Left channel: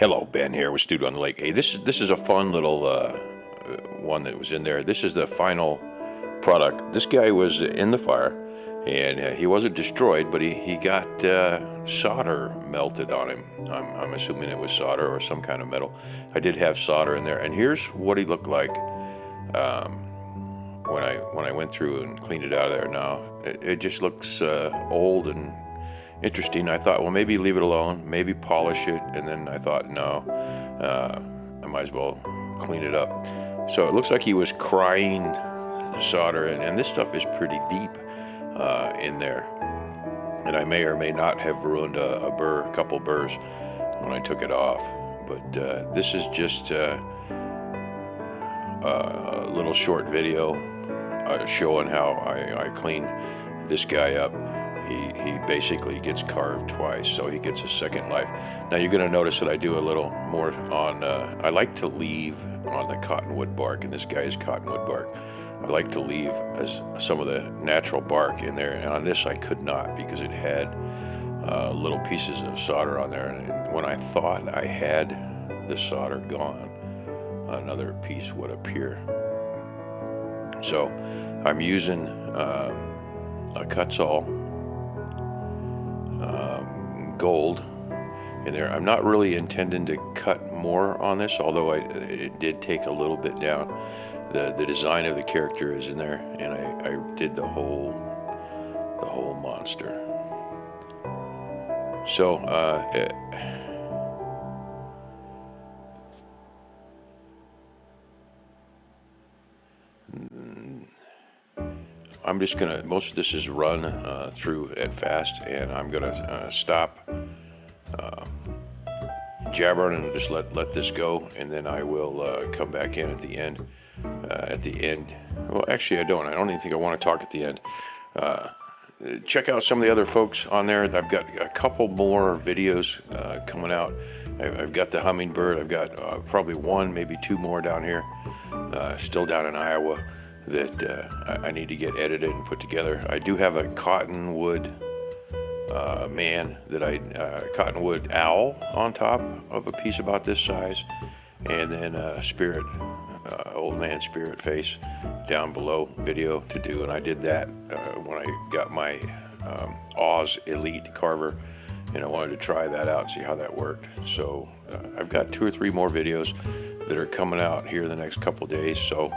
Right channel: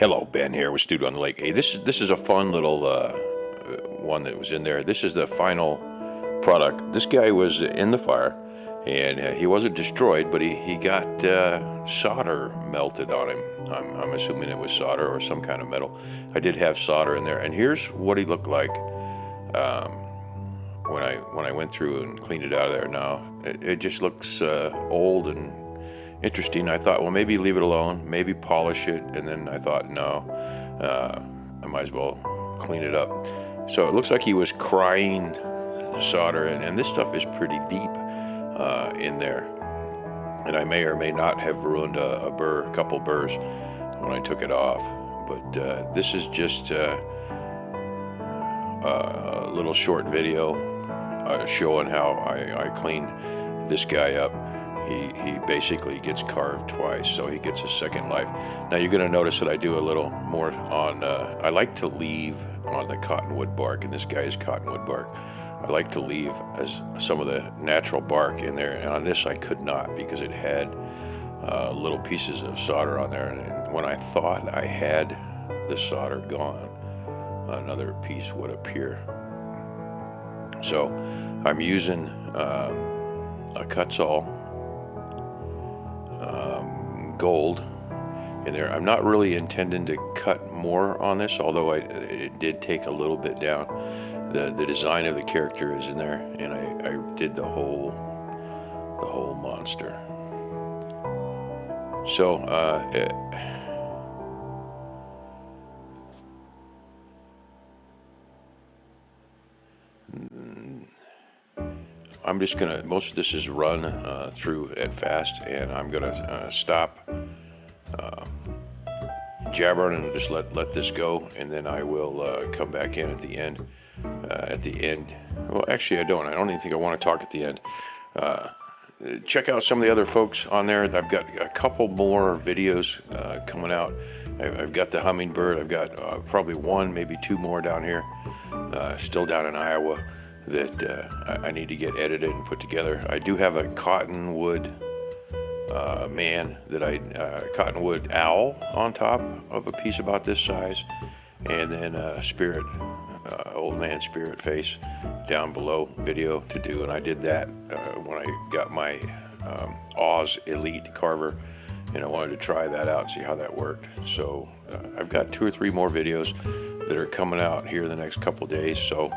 Hello, Ben here with Studio on the Lake. Hey, this is a fun little one that was in there. This is the final product. This guy was in the fire, and he wasn't destroyed, but he got solder melted on him. I'm assuming it was solder or some kind of metal. I did have solder in there, and here's what he looked like when I went through and cleaned it out of there. Now it just looks old and interesting. I thought, well, maybe leave it alone, maybe polish it, and then I thought, no, I might as well clean it up. So it looks like he was crying solder, and this stuff is pretty deep in there, and I may or may not have ruined a couple burrs when I took it off. But this is just a little short video showing how I clean this guy up. He basically gets carved twice, so he gets a second life. Now you're going to notice that I do a little more on, I like to leave on the cottonwood bark, and this guy is cottonwood bark. I like to leave as some of the natural bark in there, and on this I could not because it had little pieces of solder on there, and when I thought I had the solder gone, another piece would appear. So I'm using a Kutzall gold in there. I'm not really intending to cut more on this, although it did take a little bit down. The design of the character is in there, and I did the whole monster. So I'm just gonna, most of this is run through at fast, and I'm gonna stop jabbering and just let this go, and then I will come back in at the end. Well, actually I don't even think I want to talk at the end. Check out some of the other folks on there. I've got a couple more videos coming out. I've got the hummingbird. I've got probably one, maybe two more down here, still down in Iowa, that I need to get edited and put together. I do have a cottonwood man that cottonwood owl on top of a piece about this size, and then a spirit, old man spirit face down below video to do, and I did that when I got my Oz Elite carver, and I wanted to try that out and see how that worked. So I've got 2 or 3 more videos that are coming out here in the next couple days. So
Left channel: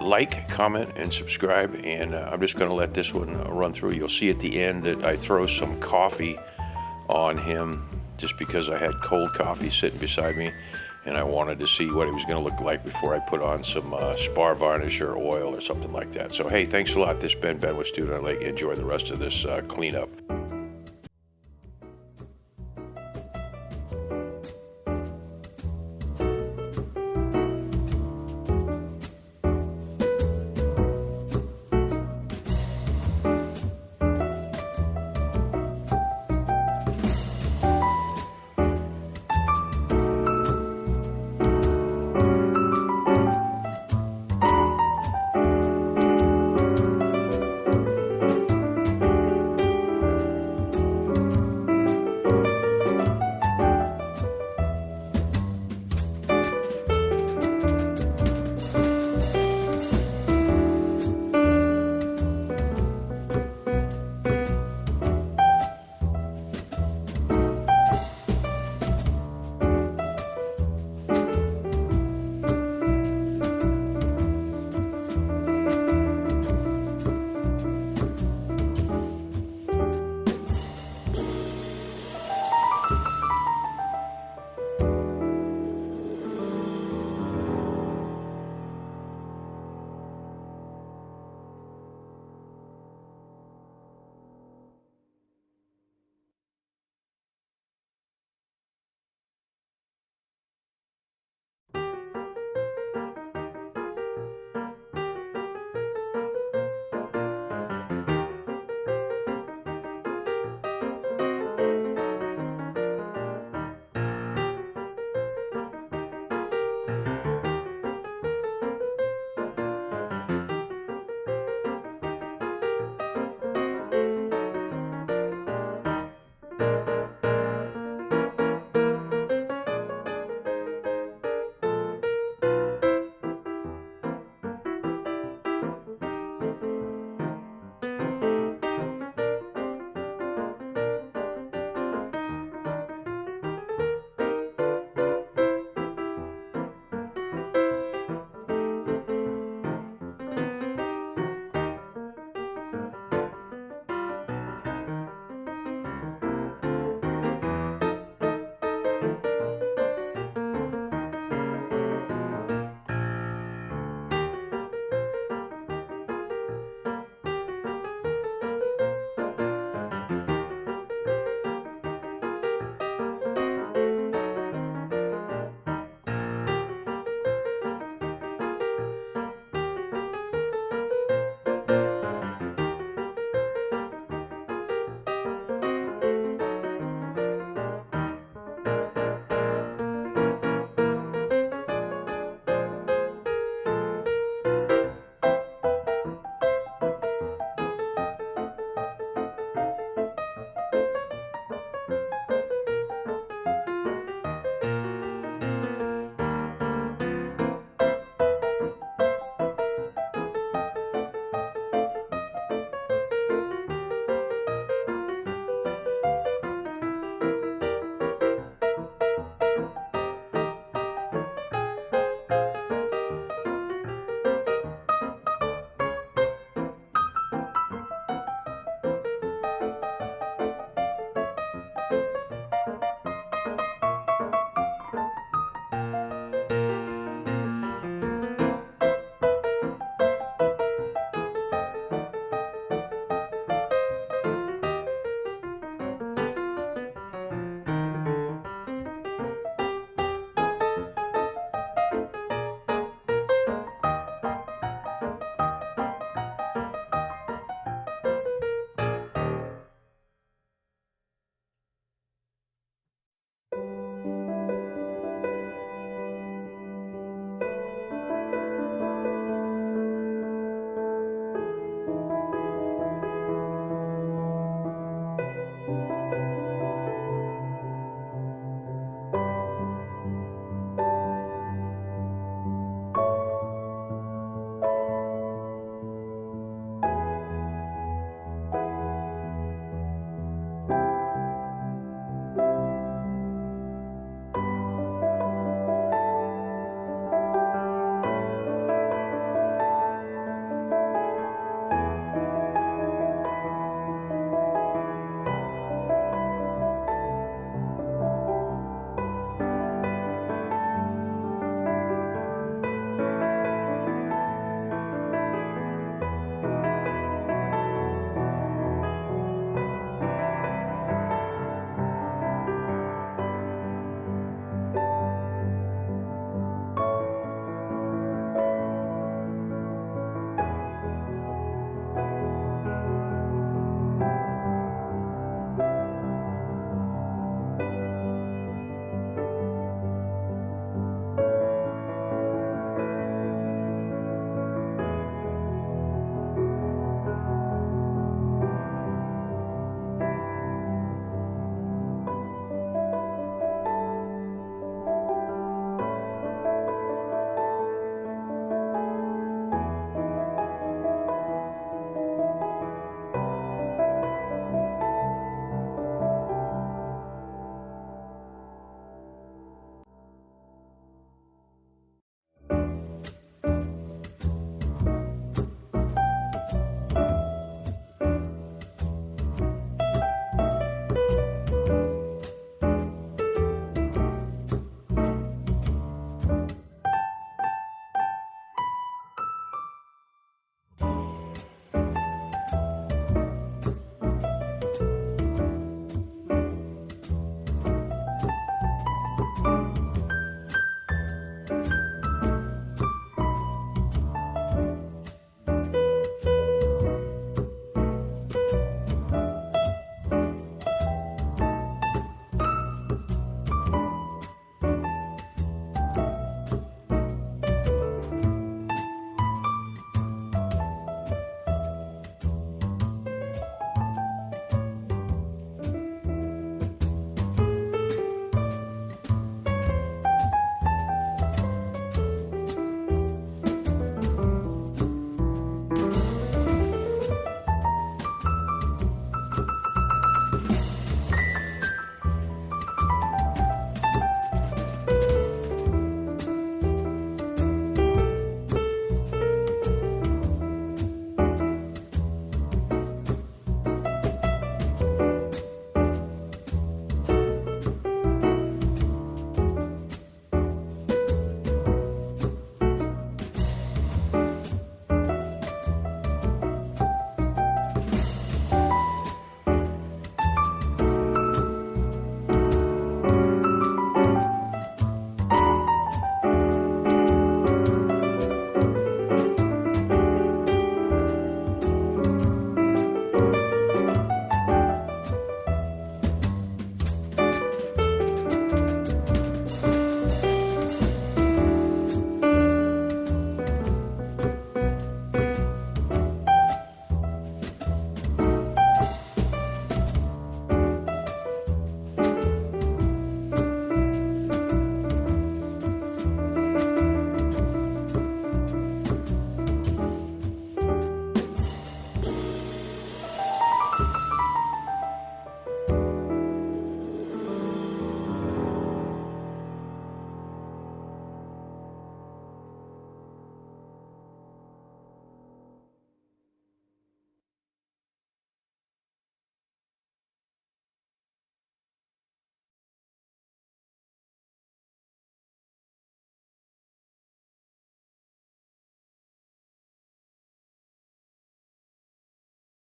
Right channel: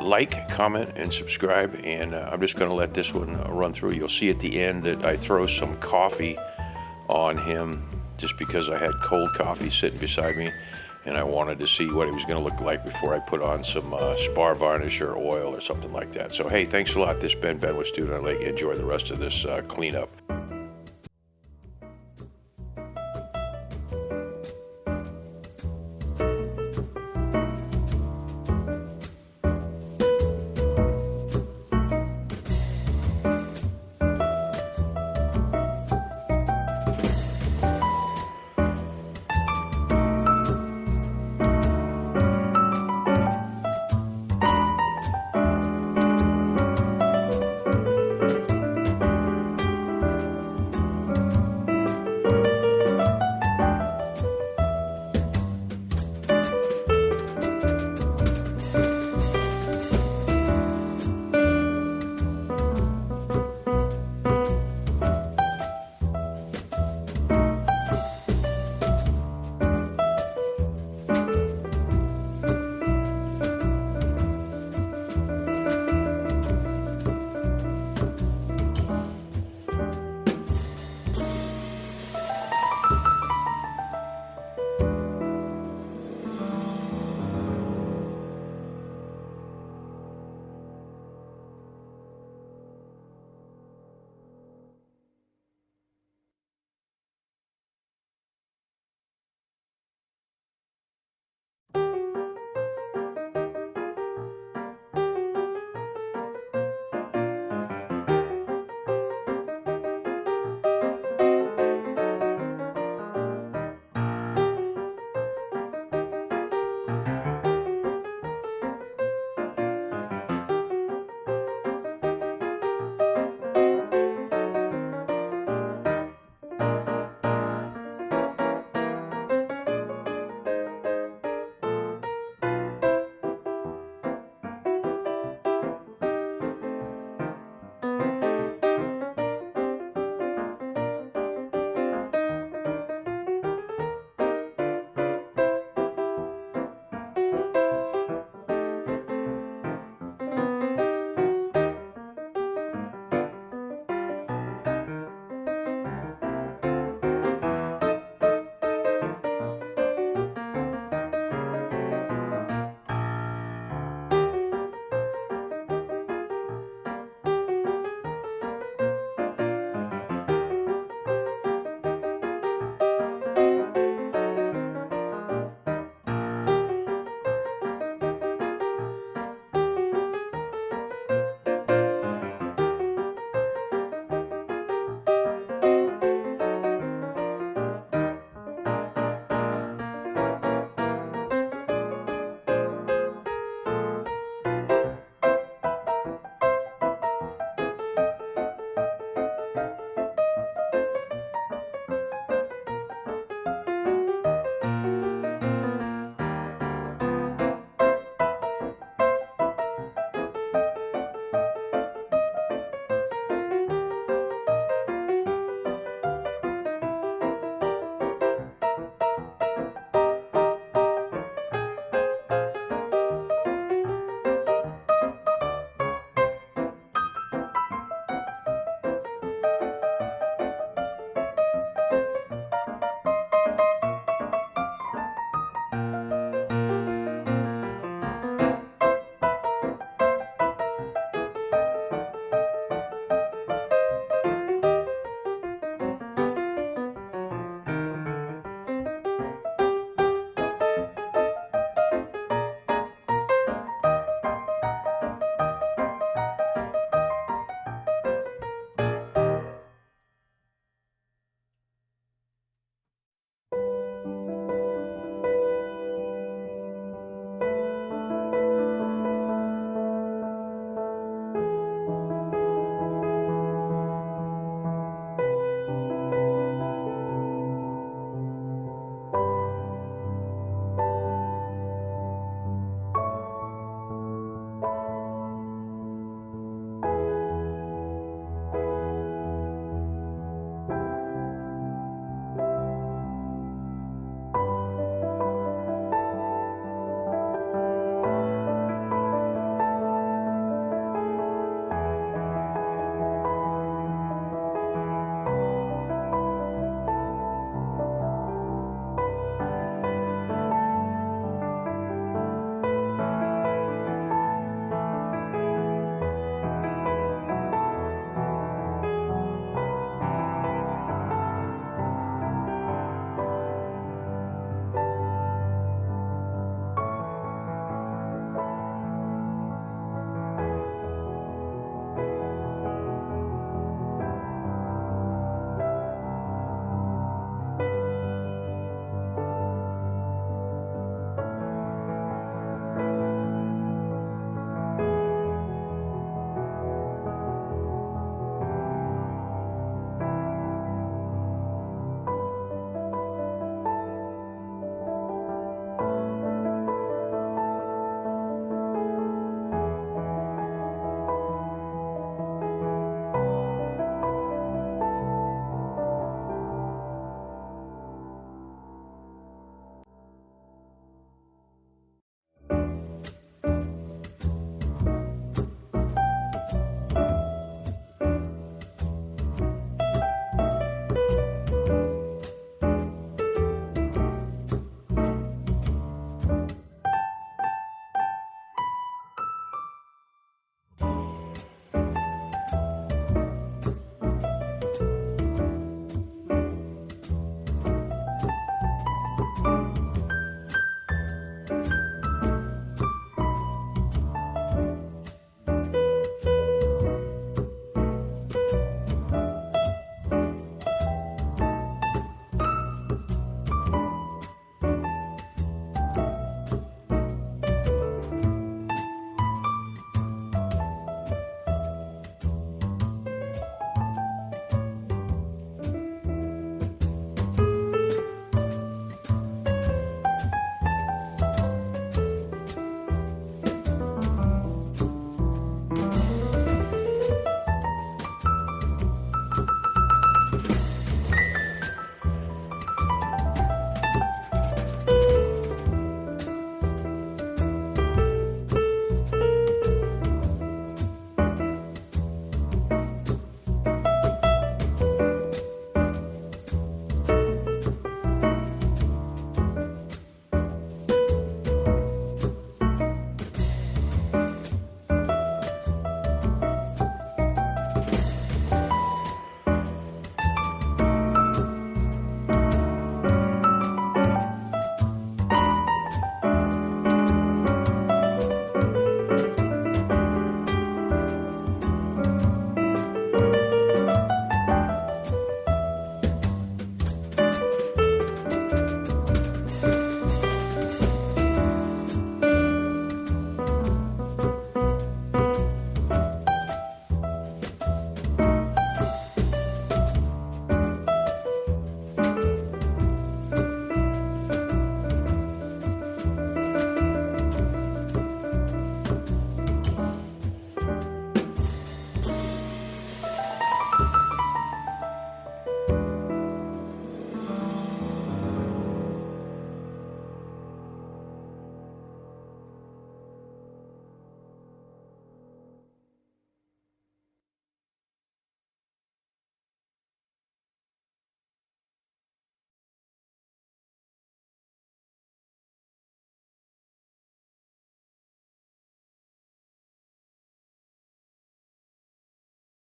like, comment, and subscribe, and I'm just going to let this one run through. You'll see at the end that I throw some coffee on him just because I had cold coffee sitting beside me, and I wanted to see what it was going to look like before I put on some spar varnish or oil or something like that. So hey, thanks a lot. This has been Ben with Studio on the Lake. Enjoy the rest of this cleanup.